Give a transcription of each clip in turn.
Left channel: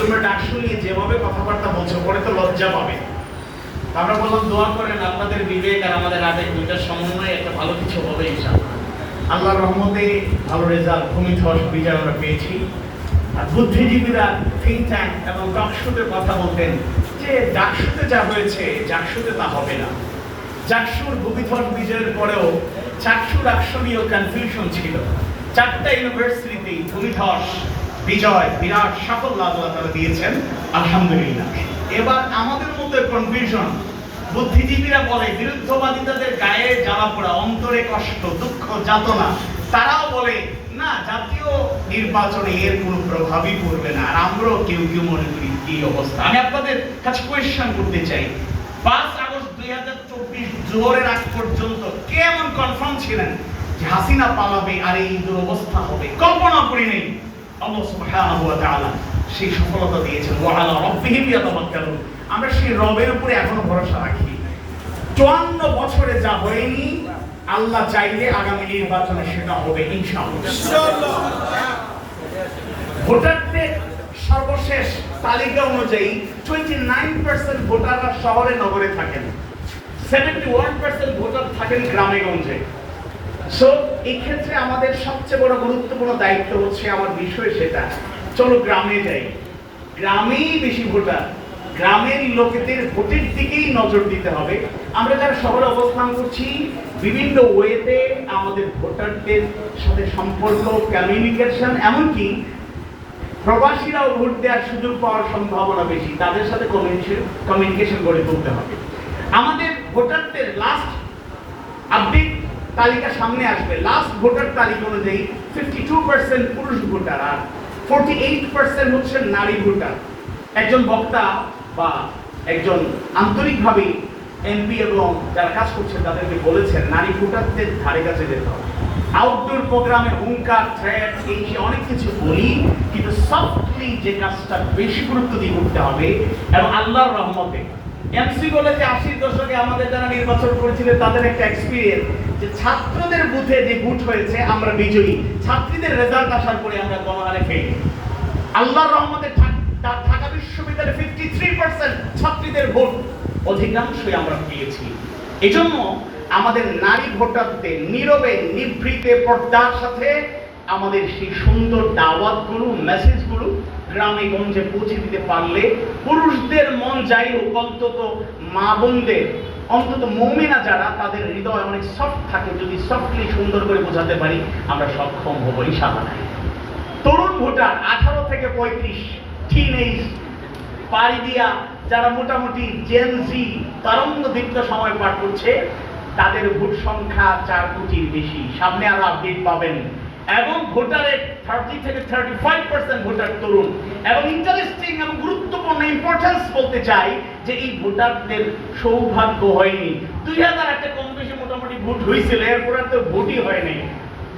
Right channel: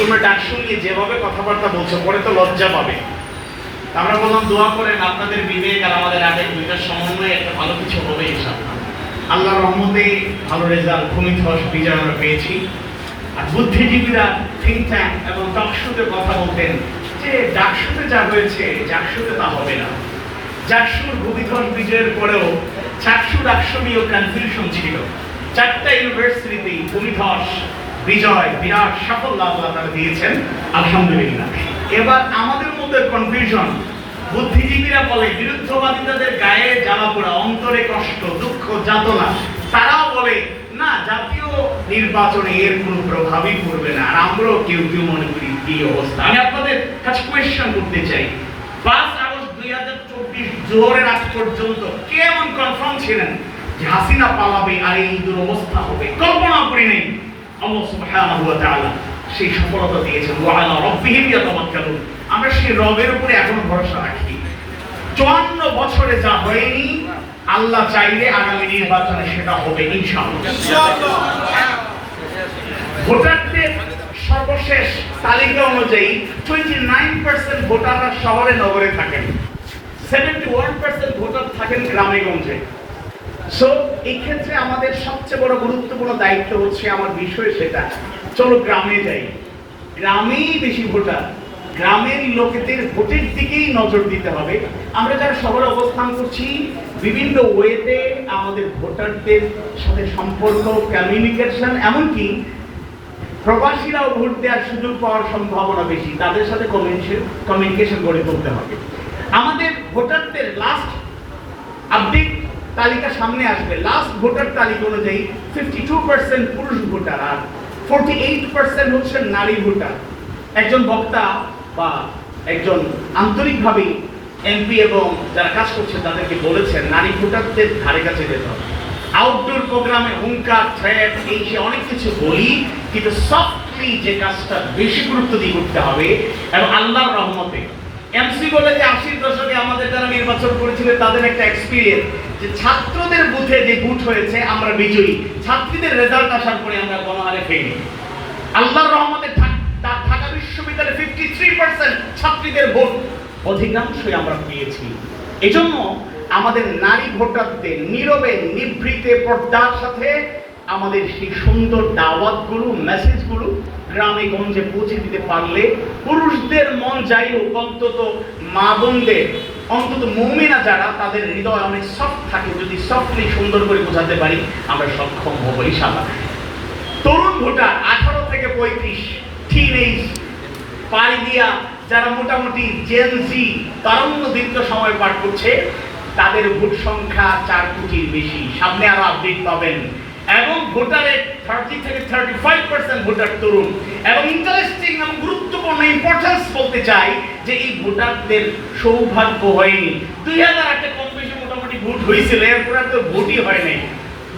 তোমরা ডাক শুনিয়ে যেভাবে কথাবার্তা বলছো, পরে তো লজ্জা পাবে। আমরা বললাম দোয়া করেন, আপনাদের বিবেক আর আমাদের আগে দুইটার সমন্বয়ে একটা ভালো কিছু হবে, ইনশাআল্লাহ। আল্লাহর রহমতে ভালো রেজাল্ট ভূমিধ্বস বিজয় আমরা পেয়েছি। আর বুদ্ধিজীবীরা থিঙ্ক ট্যাঙ্ক এবং ডাকসুতে কথা বলতেন যে ডাকসুতে যা হয়েছে ডাকসুতে তা হবে না। চারশুর ভূমিধ্বস বিজয়ের পরেও চারশো ডাকসু কনফিউশন ছিল। চারটা ইউনিভার্সিটিতে ভূমিধ্বস বিজয়, বিরাট সাফল্য আল্লাহ তারা দিয়েছেন, আলহামদুলিল্লাহ। এবার আমাদের মধ্যে কনফিউশন বুদ্ধিজীবীরা বলে বিরুদ্ধবাদিতাদের গায়ে জ্বালা পোড়া, অন্তরে কষ্ট, দুঃখ, যাতনা। তারাও বলে, না, জাতীয় নির্বাচনে এর কোনো প্রভাবই পড়বে না। আর আমরাও কেউ কেউ মনে করি এই অবস্থা। আমি আপনাদের কাছে কোয়েশ্চেন করতে চাই। পাঁচ আগস্ট দুই হাজার চব্বিশ জোহরের আগ পর্যন্ত কে এমন কনফার্ম ছিলেন যে হাসিনা পালাবে আর এই দুরবস্থা হবে? আল্লাহ সুবহানাহু ওয়া তাআলা সেই সফলতা দিয়েছেন। ওয়া আলা রাব্বিহিম ইয়াতাওয়াক্কালুন। আমরা সেই রবের উপরে এখনও ভরসা রাখি। চুয়ান্ন বছরে যা হয়নি, আল্লাহ চাইলে আগামী নির্বাচনে সেটা হবে ইনশাআল্লাহ। ভোটারদের সর্বশেষ তালিকা অনুযায়ী টোয়েন্টি নাইন পার্সেন্ট ভোটাররা শহরে, নগরে থাকেন। সেভেন্টি ওয়ান পার্সেন্ট ভোটার থাকেন গ্রামে, গঞ্জে। সো এই ক্ষেত্রে আমাদের সবচেয়ে বড় গুরুত্বপূর্ণ দায়িত্ব হচ্ছে আমার বিষয় সেটা। চলো গ্রামে যাই। গ্রামেই বেশি ভোটার। গ্রামের লোকেদের ভোটের দিকেই নজর দিতে হবে। আমরা যারা শহরে অবস্থান করছি, বিভিন্ন ওয়েতে আমাদের ভোটারদের সাথে সম্পর্ক কমিউনিকেশন এমনকি প্রবাসীরাও ভোট দেওয়ার সুযোগ পাওয়ার সম্ভাবনা বেশি। তাদের সাথে কমিউনিকেশন কমিউনিকেশন গড়ে তুলতে হবে। আমাদের ভোটারদের লাস্ট আপডেট তালিকা সামনে আসবে। লাস্ট ভোটার তালিকা অনুযায়ী ফিফটি টু পার্সেন্ট পুরুষ ভোটার আর ফোরটি এইট পার্সেন্ট হচ্ছেন নারী ভোটার। একজন বক্তা বা একজন আন্তরিকভাবে এমপি এবং যারা কাজ করছেন তাদেরকে বলেছেন, নারী ভোটারদের ধারে কাছে যেতে হবে। আউটডোর প্রোগ্রামে হুঙ্কার থ্রেট এই সে অনেক কিছু বলি, কিন্তু সফটলি যে কাজটা বেশি গুরুত্ব দিয়ে করতে হবে, এবং আল্লাহর রহমতে এমসি বলে যে আশির দশকে আমাদের যারা নির্বাচন করেছিলেন তাদের একটা এক্সপিরিয়েন্স যে ছাত্রদের বুথে যে বুথ হয়েছে, আমরা বিজয়ী। ছাত্রীদের রেজাল্ট আসার পরে আমরা গণহারে ফেলি আল্লাহর রহমতে থাক- ঢা- ঢাকা বিশ্ববিদ্যালয়ে ফিফটি থ্রি পার্সেন্ট ছাত্রীদের ভোট অধিকাংশই আমরা পেয়েছি। এজন্য আমাদের নারী ভোটারদের নীরবে, নিভৃতে পর্দার সাথে আমাদের সেই সুন্দর দাওয়াতগুলো মেসেজগুলো গ্রামে গঞ্জে পৌঁছে দিতে পারলে পুরুষদের মন যাই হোক, অন্তত মা বোনদের, অন্তত মৌমিনা যারা, তাদের হৃদয় অনেক সফট থাকে, যদি সফটলি সুন্দর করে বোঝাতে পারি, আমরা সক্ষম হব ইনশাআল্লাহ। তরুণ ভোটার, আঠারো থেকে পঁয়ত্রিশ টিনেজ পাড়ি দিয়া, যারা মোটামুটি জেনজি তারুণ্য দীর্ঘ সময় পার করছে, তাদের ভোট সংখ্যা চার কোটির বেশি। সামনে আরও আপডেট পাবেন। এবং ভোটারের থার্টি থেকে থার্টি ফাইভ পার্সেন্ট ভোটার তরুণ। এবং ইন্টারেস্টিং এবং বলতে চাই যে এই ভোটারদের সৌভাগ্য হয়নি। দুই হাজার আটে কম বেশি মোটামুটি ভোট হয়েছিল, এরপর তো ভোটই হয় নাই।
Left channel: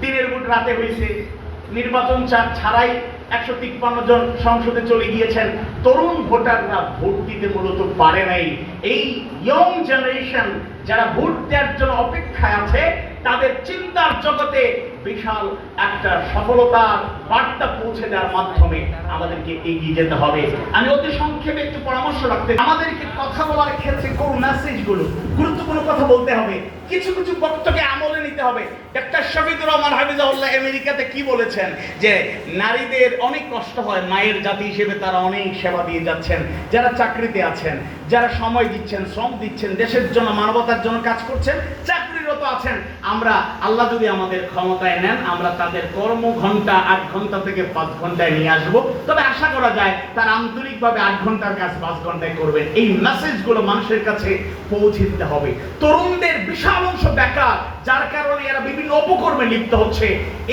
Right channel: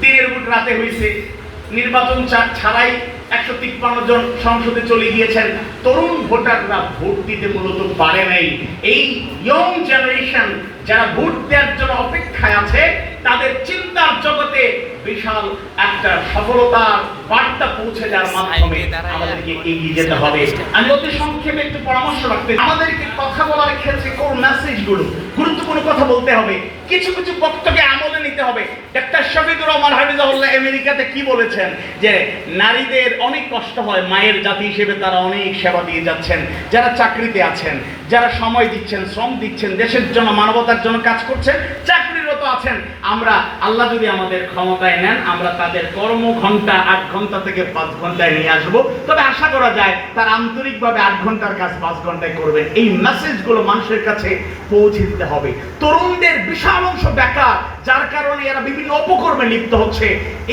দিনের ভোট রাতে হয়েছে। নির্বাচন ছাড়াই একশো তিপ্পান্ন জন সংসদে চলে গিয়েছেন। তরুণ ভোটাররা ভোট দিতে মূলত পারে নাই। এই ইয়ং জেনারেশন যারা ভোট দেওয়ার জন্য অপেক্ষায় আছে, তাদের চিন্তার জগতে বিশাল একটা সফলতার বার্তা পৌঁছে দেওয়ার মাধ্যমে আমাদেরকে এগিয়ে যেতে হবে। আমি অতি সংক্ষেপে একটু পরামর্শ আমাদেরকে কথা বলার ক্ষেত্রে কোন গুরুত্বপূর্ণ কথা বলতে হবে। কিছু কিছু বক্তব্যে আমলে নিতে হবে। ডাক্তার রহমান হাফিজাহুল্লাহ আমেরিকাতে কি বলেছেন? যে নারীদের অনেক কষ্ট হয়, মায়ের জাতি হিসেবে তারা অনেক সেবা দিয়ে যাচ্ছেন। যারা চাকরিতে আছেন, যারা সময় দিচ্ছেন, শ্রম দিচ্ছেন, দেশের জন্য, মানবতার জন্য কাজ করছেন চাকরিরত আছেন, আমরা আল্লাহ যদি আমাদের ক্ষমতায় নেন, আমরা তাদের কর্ম ঘণ্টা আট ঘণ্টা থেকে পাঁচ ঘন্টায় নিয়ে আসব। তবে আশা করা যায় তার আন্তরিকভাবে আট ঘণ্টার কাজ পাঁচ ঘন্টায় করবেন। এই মেসেজগুলো মানুষের কাছে পৌঁছে দিতে হবে। তরুণদের বিশাল অংশ বেকার, যার কারণে এরা বিভিন্ন অপকর্মে লিপ্ত হচ্ছে।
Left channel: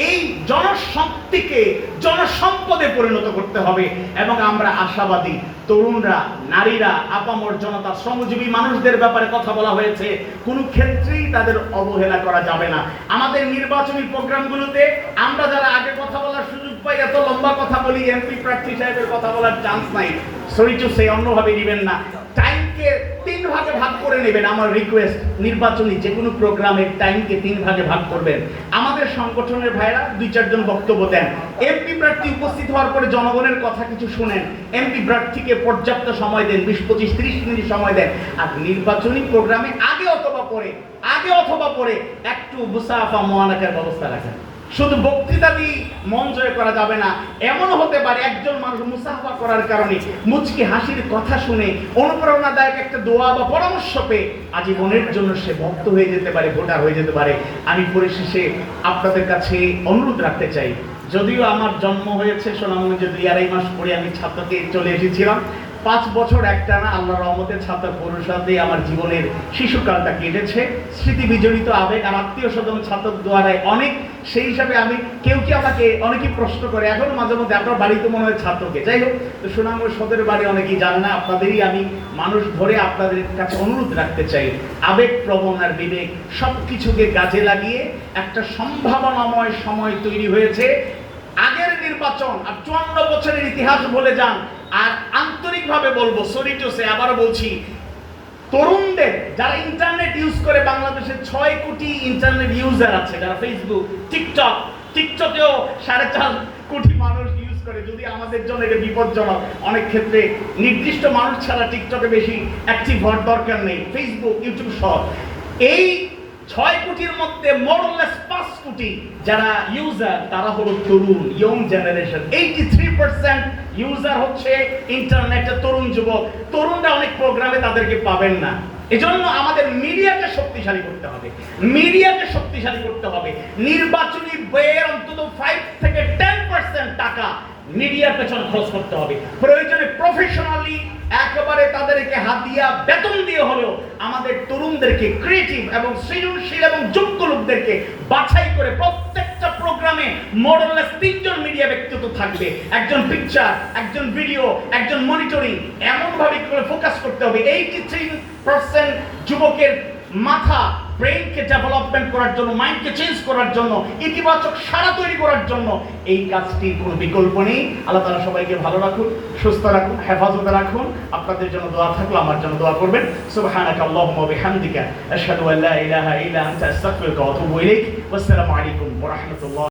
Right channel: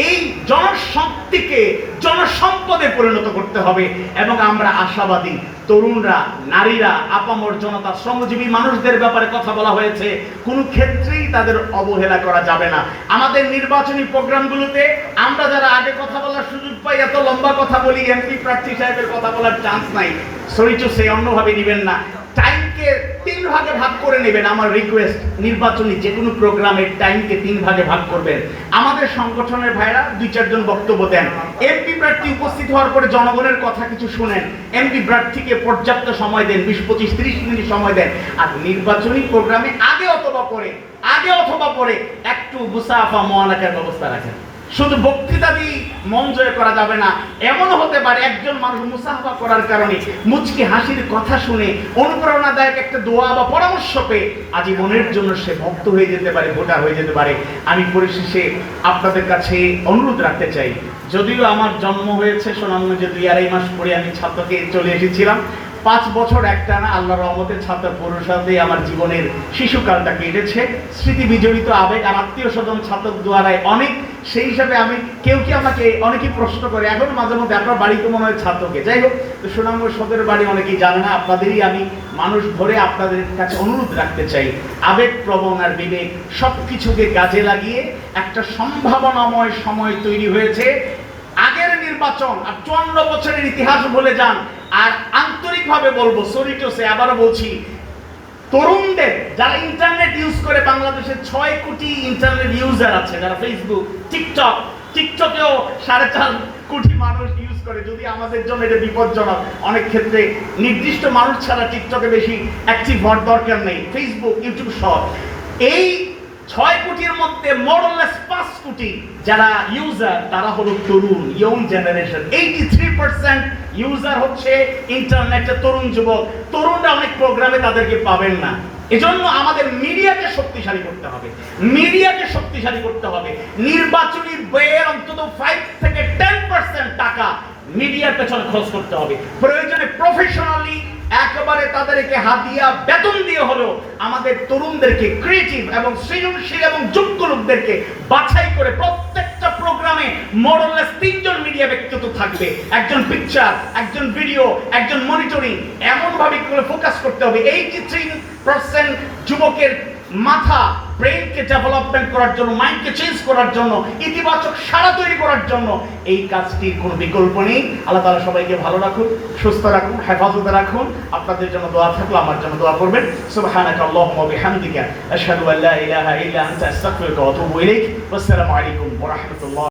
এই জনশক্তিকে জনসম্পদে পরিণত করতে হবে এবং আমরা আশাবাদী। তরুণরা, নারীরা, আপামর জনতা, শ্রমজীবী মানুষদের ব্যাপারে কথা বলা হয়েছে। কোনো ক্ষেত্রেই তাদের অবহেলা করা যাবে না। আমাদের নির্বাচনী প্রোগ্রামগুলোতে আমরা যারা আগে কথা বলার সুযোগ পাই, এত লম্বা কথা বলি এমপি প্রার্থী সাহেবের কথা বলার চান্স নাই। সরিচ সে অন্যভাবে নেবেন না। টাইমকে তিন ভাগে ভাগ করে নেবেন আমার রিকোয়েস্ট নির্বাচনী যে কোনো প্রোগ্রামের টাইমকে তিন ভাগে ভাগ করবেন। আমাদের সংগঠনের ভাইরা দুই চারজন বক্তব্য দেন। এমপি প্রার্থী উপস্থিত হওয়ার পরে জনগণের কথা কিছু শুনেন। এমপি প্রার্থীকে পর্যাপ্ত সময় দেন, বিশ পঁচিশ তিরিশ মিনিট সময় দেন। আর নির্বাচনী প্রোগ্রামে আগে অথবা পরে আগে অথবা পরে একটু মুসাফা মোয়ানাকার ব্যবস্থা রাখেন। শুধু বক্তৃতা দিয়ে মন জয় করা যাবে না, এমনও হতে পারে একজন মানুষ মুসাফা করার কারণে মুচকি হাসির কথা শুনে অনুপ্রেরণাদায়ক একটা দোয়া বা পরামর্শ পেয়ে আজীবনের জন্য সে ভক্ত হয়ে যেতে পারে, ভোটার হয়ে যেতে পারে। আমি পরিশেষে আপনাদের কাছে অনুরোধ রাখতে চাই, যদিও আমার জন্ম হয়েছে সোনামগঞ্জে দুই আড়াই মাস পরে আমি ছাত্রকে চলে এসেছিলাম পাঁচ বছর একটানা আল্লাহ রহমতের ছাত্র পরিষদে আমার জীবনের শিশুকালটা কেটেছে। স্মৃতি বিজড়িত আবেগ আর আত্মীয় স্বজন ছাত্র দ্বারায় অনেক, সেই হিসাবে আমি কেউ কি আমাকে অনেকেই প্রশ্ন করে, এখন মাঝে মধ্যে আপনার বাড়িতে মনে হয় ছাত্রকে যাই হোক, তো সুনামগঞ্জ সদর বাড়ি অনেকেই জানে না, আপনাদেরই আমি মানুষ ধরে আপনাদের কাছে অনুরোধ রাখতে চাই। আবেগ, প্রবণ আর বিবেক সব কিছুকে কাজে লাগিয়ে একটা সম্ভাবনাময় সময় তৈরি হয়েছে। আগের নির্বাচন আর চুয়ান্ন বছরের ইতিহাস বলে যান আর আন্তরিকভাবে বলব সরি টু সে আবার বলছি, তরুণদের যারা ইন্টারনেট ইউজ করে বাংলাদেশের ছয় কোটি ইন্টারনেট ইউজার আছে, যারা ফেসবুক টিকটক টিকটকেও সাড়ে চার কোটি মানুষ ইউজ করে, যদি আমাদের জন্য এটা বিপজ্জনক, অনেক ক্ষেত্রে নির্দিষ্ট মানুষ ছাড়া টিকটকে বেশি অ্যাক্টিভ হওয়ার দরকার নেই ফেসবুক ইউটিউব সব। এই ছয় কোটির মধ্যে মোরলেস পাঁচ কোটি যারা ইউজার তারা হলো তরুণ young generation eighty three percent user হচ্ছে ইন্টারনেটে তরুণ যুবক। তরুণরা অনেক প্রোগ্রামে তাদেরকে পাবেন না। এজন্য আমাদের মিডিয়াকে শক্তিশালী করতে হবে। মিডিয়াকে শক্তিশালী করতে হবে। নির্বাচনী ব্যয়ের অন্তত ফাইভ থেকে টেন পার্সেন্ট টাকা মিডিয়ার পেছনে খরচ করতে হবে। প্রয়োজনে প্রফেশনালি একেবারে তাদেরকে হাতিয়া বেতন দিয়ে হলেও আমাদের তরুণদেরকে ক্রিয়েটিভ এবং সৃজনশীল এবং যোগ্য লোকদেরকে বাছাই করে প্রত্যেকটা প্রোগ্রামে মোরলেস তিনজন মিডিয়া ব্যক্তিত্ব থাকবে। একজন পিকচার একজন ভিডিও একজন মনিটরিং এমনভাবে করে ফোকাস করতে হবে। এইটি থ্রি পার্সেন্ট যুবকের মাথা ব্রেনকে ডেভেলপমেন্ট করার জন্য মাইন্ডকে চেঞ্জ করার জন্য, ইতিবাচক সারা তৈরি করার জন্য এই কাজটির কোনো বিকল্প নেই। আল্লাহ তালা সবাইকে ভালো রাখুন, সুস্থ রাখুন, হেফাজতে রাখুন। আপনাদের জন্য দোয়া থাকলে আমার জন্য দোয়া করবেন। সুবহানাকা আল্লাহুম্মা ওয়া আলাইকুম ওয়া